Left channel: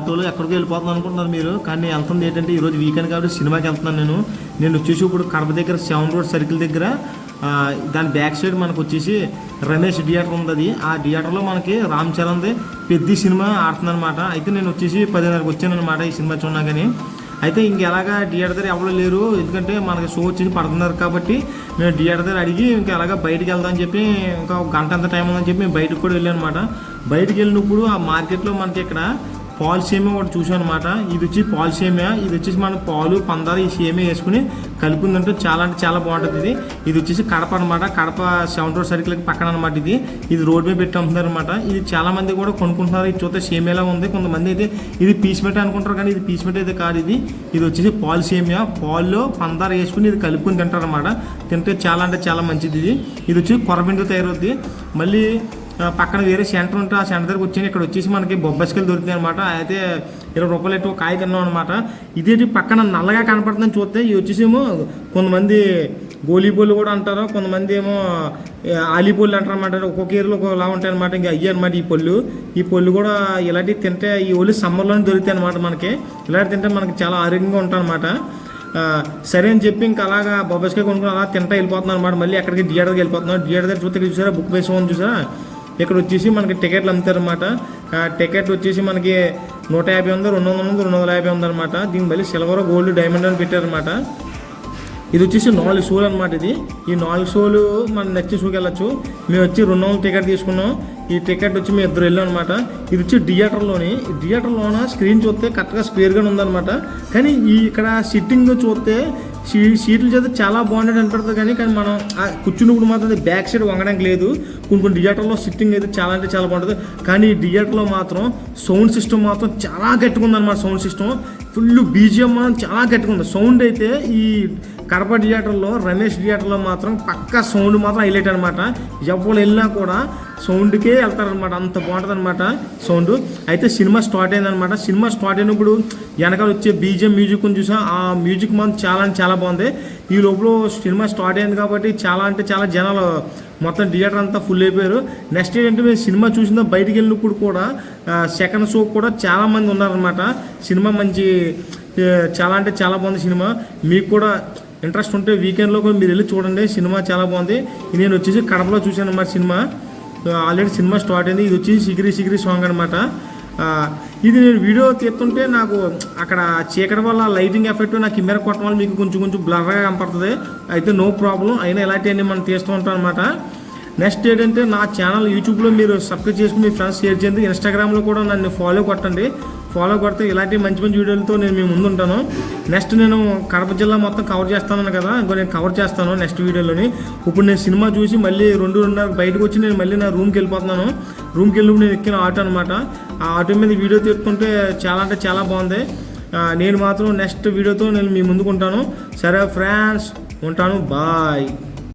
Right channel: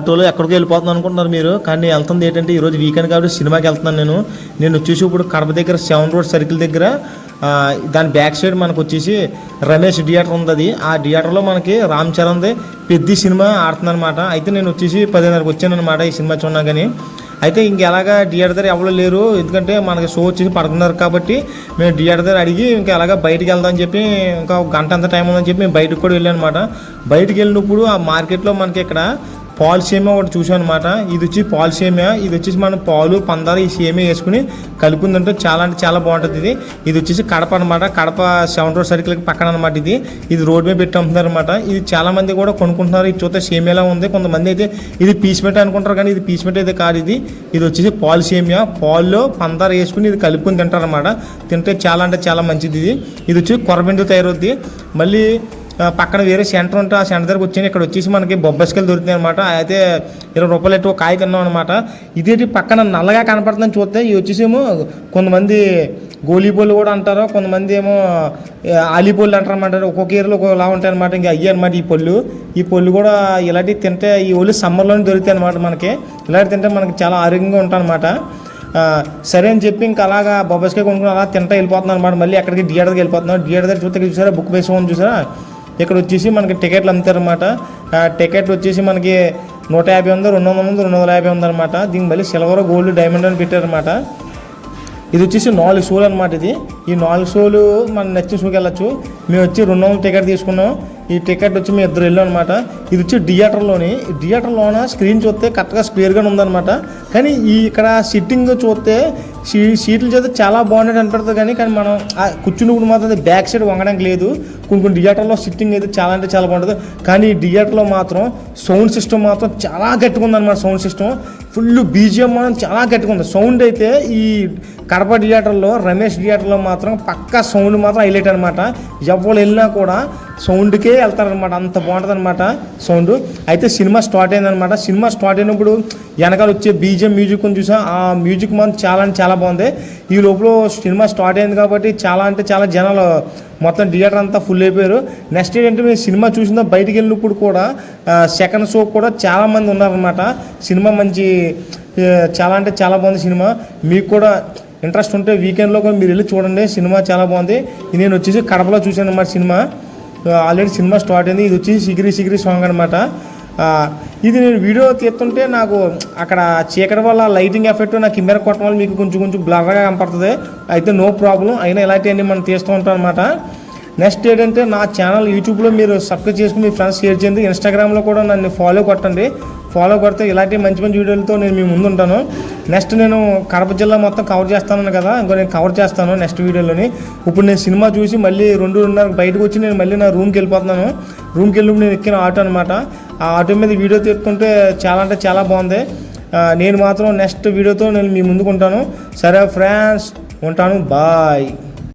ఆటోలో ఎక్కడికి వెళ్ళిపోతున్నాను అనుకుంటున్నారు మీరు, కానీ వెళ్తుంది ఏంటంటే ఈరోజు వీకెండ్ కాబట్టి సినిమాకి వెళ్తున్నాను నేను వచ్చేసి ఇప్పుడు కడప దగ్గర 7 రోడ్ సర్కిల్ దగ్గర దాని బ్యాక్ సైడ్ మనకు వచ్చేసి రమేష్ థియేటర్ ఉంది. ఆ థియేటర్లో మనకి రామ్ చరణ్ది పెద్ద సినిమా ఆడుతుందన్నమాట. అయితే నేను వచ్చేసి 10:30కి వచ్చాను అనమాట ఈ సినిమా చూడగా. కానీ అయితే ఇంకెలాగా థియేటర్ దగ్గర ఎవరు లేరు, ఎందుకంటే మనకి షో వచ్చేసి 10:30 కాబట్టి మేము థియేటర్ దగ్గర అడిగి ఇంకా అలాగా బయటికి వెళ్దామని చెప్పి ఇంకా ఒక గంట అంత టైం ఉందని చెప్పి మేము బయటకు కూడా వెళ్ళాను అనమాట. బయటికి వెళ్ళినప్పుడు ఆ మార్కెట్లో మనకి ఇక్కడ పాలు సేమియా ఒకటి చూసాం అనమాట. ఇది వచ్చి పాలు సేమియా, ఇది వచ్చేసి మనం పాలు పందాలు ఈ సేమియా వేసుకుని కలుపుకుందంటే చాలా అంటే చాలా బాగుంటుంది. ఇది వచ్చేసి కడప అనమాట, కడప 7 రోడ్ సర్కిల్కి పక్కన అనమాట. ఇది రోడ్ మీద పెట్టి అమ్ముతున్నారు అనమాట. ఇది చాలా మంది కూడా కొనుక్కుంటున్నారు. ఇది చూస్తే సేమియాలా ఉంది. కొంతమంది అయితే ఇది పీస్ మెట్ అనుకుంటారు, కానీ ఇది పీస్ మెట్ అయితే కాదు. ఇది వచ్చేసి పాలు సేమియా, పాల్లో పందాలు వేసుకుని ఇది కలుపుకొని తింటారు అనమాట. తింటే చాలా అంటే చాలా మంచిది. ఇది వచ్చి కొరబిందు తయారవుద్ది. మళ్ళీ పక్కన వేరే సెంటర్ ఉంటే ఆ సెంటర్ దగ్గరకు వచ్చి ఇక్కడ వచ్చేసి మనకి బొబ్బస్కాయలు దొరుకుతాయి అనమాట. అయితే 20 రూపాయలు ఎట్టు ఒక కాయ తిన్నాం అనమాట. ఇదేంటి పక్కన నల్లగా కనపడుతుందని చూస్తే ఇది వచ్చేసేమో కొంతమంది గోలీబోళ్ళు కూడా అంటారు, కొంతమంది ఏమో ఆలీబోళ్ళు అంటారు అనమాట. ఒక్కొక్క ఏరియాలో ఒకలా ఉంటాయి అనమాట. ఇంకా అయ్యి అనమాట ఈ పళ్ళు కూడా ఇలాంటివి తింటే ఈ ఓన్లీ సమ్మర్లోనే దొరుకుతాయి అనమాట. మనకి ఇలాంటి తింటే మనకి చాలా ఆరోగ్యంగా ఉంటాం అనమాట. సరే అని చెప్పి ఇంకా అలాగా బొబ్బస్కాయ కొనుక్కుని అలా తింటా వెళ్ళిపోతున్నాను అనమాట. మళ్ళీ అక్కడికి థియేటర్కి వెళ్ళిపోతున్నాను. థియేటర్ దగ్గర చూస్తే చూసారా బుక్ వేసుకోమని చూసారా, ఇక్కడ వచ్చేసి మనకి టికెట్లు అమ్ముతారనమాట. టికెట్లు వచ్చేసి మనకి 150 ఉంది, 200 ఉంది, 250 ఉందన్నమాట. దీనికి మళ్ళీ సిల్వర్, గోల్డ్, డైమండ్ అని పెట్టారనమాట. ఇది వచ్చేసి 4 షోలు అనమాట. ఈ 4 షోలు మనం నచ్చిన షోకి వెళ్ళచ్చు. మేము వచ్చి 200 టికెట్ తీసుకున్నాం. ఈ టికెట్ వచ్చి మేము 2 వెళ్ళాం అనమాట. ఇది వచ్చి థియేటర్లోన స్క్రీన్ చూస్తే కరెక్ట్గా స్క్వేర్గానే ఉందన్నమాట. కానీ ఇక్కడ సిట్టింగ్ చూస్తే సీట్లు చేస్తే చాలా బాగున్నట్టు అనిపెడుతుంది. కానీ మనం కూర్చున్నప్పుడు మాత్రం బ్యాక్ సైడ్ వంగడానికి లేదు. కొన్ని థియేటర్లో సిట్టింగ్ అయితే చాలా అంటే చాలా బాగుంటుంది. కానీ ఈ థియేటర్లో మాత్రం సౌండ్ సిస్టమ్ మాత్రం చాలా గట్టిగా ఉందన్నమాట. సౌండ్ సిస్టమ్ ఫుల్ బీజిఎం మాత్రం చాలా గట్టిగా ఉంది. సౌండ్ అయితే ఈ కడప థియేటర్లో రమేష్ థియేటర్లో మాత్రం పక్కా సౌండ్ మాత్రం హైలైట్ అనమాట. ఎవరు వెళ్ళినా కూడా సౌండ్కే వెళ్తారనమాట, అంత బాగుంటుంది అనమాట సౌండ్. అయితే సినిమా స్టార్ట్ అయిందనమాట. సినిమా స్టార్ట్ అయినప్పుడు వెనకాల వచ్చే బీజిఎం మ్యూజిక్ అని చూసా. ఆ మ్యూజిక్ మాత్రం చాలా అంటే చాలా బాగుంది. ఈ లోపల సినిమా స్టార్ట్ అయింది కాబట్టి చాలా అంటే చాలా జనాలు మొత్తం థియేటర్ అంతా ఫుల్ అయిపోయారు. నెక్స్ట్ ఏంటంటే మేము సినిమా చూసిందా బయటికి వెళ్ళినప్పుడు కూడా సెకండ్ షో కూడా చాలామంది ఉన్నారనమాట. సినిమా మంచి చాలా అంటే చాలా బాగుంది సినిమా. మీకు కూడా ఇంట్రెస్ట్ ఉంటే వీకెండ్లో కూడా మీరు వెళ్ళి చూడండి, సినిమా చాలా బాగుంది. నేను వచ్చేసి కడపలో చూశాను అన్నమాట సినిమా. ఆల్రెడీ సినిమా స్టార్ట్ అయింది. ఇది వచ్చి సిగిరి సాంగ్ అనమాట. ఇది నేను వీడియో తీస్తుంటే నాకు అక్కడ చీకటి వల్ల లైటింగ్ ఎఫెక్ట్ నా కెమెరా కొట్టడం వల్ల మీకు కొంచెం బ్లర్గా కనపడుతుంది. అయితే నో ప్రాబ్లం, అయినా ఇలాంటివన్నీ మనం తీస్తూ ఉంటాం అనమాట. నెక్స్ట్ ఏంటంటే నా ఛానల్ యూట్యూబ్లో మీరు సబ్స్క్రైబ్ చేసుకుని మీ ఫ్రెండ్స్ షేర్ చేయండి. ఇన్స్టాగ్రామ్లో కూడా నన్ను ఫాలో కొట్టండి. ఫాలో కొడితే ఇలాంటి మంచి వీడియోలతో నేను మీ ముందు ఉంటాను. నెక్స్ట్ నేను కడప జిల్లా మొత్తం కవర్ చేస్తాను కదా, ఇంకో నేను కవర్ చేస్తాను నెక్స్ట్ వీడియోలోని. ఇప్పుడు నేను సినిమా చూసి మళ్ళీ 2:30 బయటకు వచ్చి నేను మళ్ళీ నా రూమ్కి వెళ్ళిపోతున్నాను. రూమ్కి వెళ్ళినప్పుడు నేను ఎక్కిన ఆటో అనమాట. ఆ ఆటో మీద వీడియో తీసుకుంటే చాలా అంటే చాలా బాగుంది. నేను మాత్రం నెక్స్ట్ వీడియోతో నేను మీ ముందుకు ఉంటాను. సరే ఫ్రెండ్స్, ఉంటాను, బాయ్.